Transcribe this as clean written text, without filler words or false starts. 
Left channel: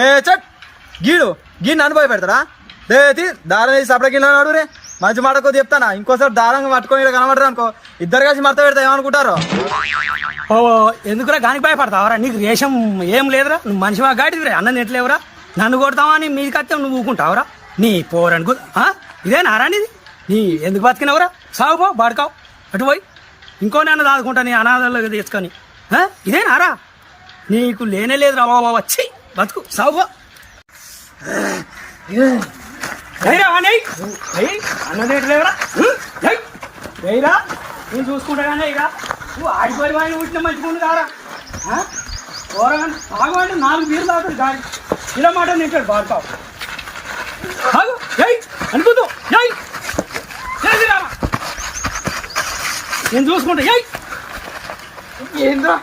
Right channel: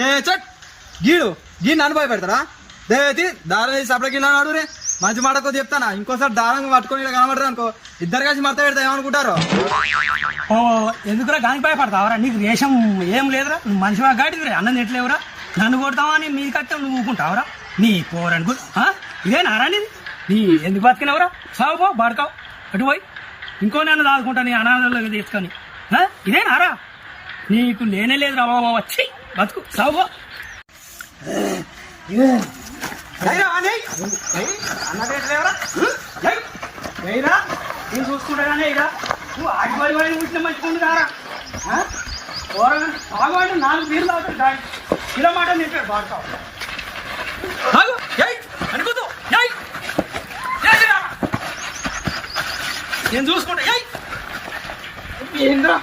ఏ చట్ గీడు గీ నన్ను భయపెడతారా దేతి దారం వేసి సపడ గిన్నె నాడు రే మంచి మాట కొద్ది చెప్తానా ఇంకోసారి దారంగా పట్టుకొని కనబడరు అనుకో ఇద్దరు కలిసి మడత పెడతా ఏమనుకుంటారు ఎందుకురా గానికి భయపడతావరా నీకు రేషం ఏం లేదురా నువ్వు మనిషి గాడిదిరా అన్నం ఎట్లేవురా నన్ను కొడతావా అని మీది కత్తే నువ్వు ఊకుంటావురా నీ పోరనుకు ఇదే నారా నీది నీ ఎందుకు బతికినవరా సాగు పో బాడుకావు అటు పోయి ఇంకో నన్ను దాదుకుంటా నీ అనాథంలో తెచ్చుకొని ఇదే నారా నీకు లేనే లేదురా బాబా వచ్చి బతుకు సాగు పో నేను చూసుకుంటా కానీ ఇక నువ్వు ఆడిపోయి కానీ వీటిలో మంచుకుంది కారా బాగోండి 4 బీర్లు తాగుతుంది గాడి కిలోమీటర్ నింపాడు బాగుతావు అనుకుంటూ నేను చూసుకుంటా ఏంద్రా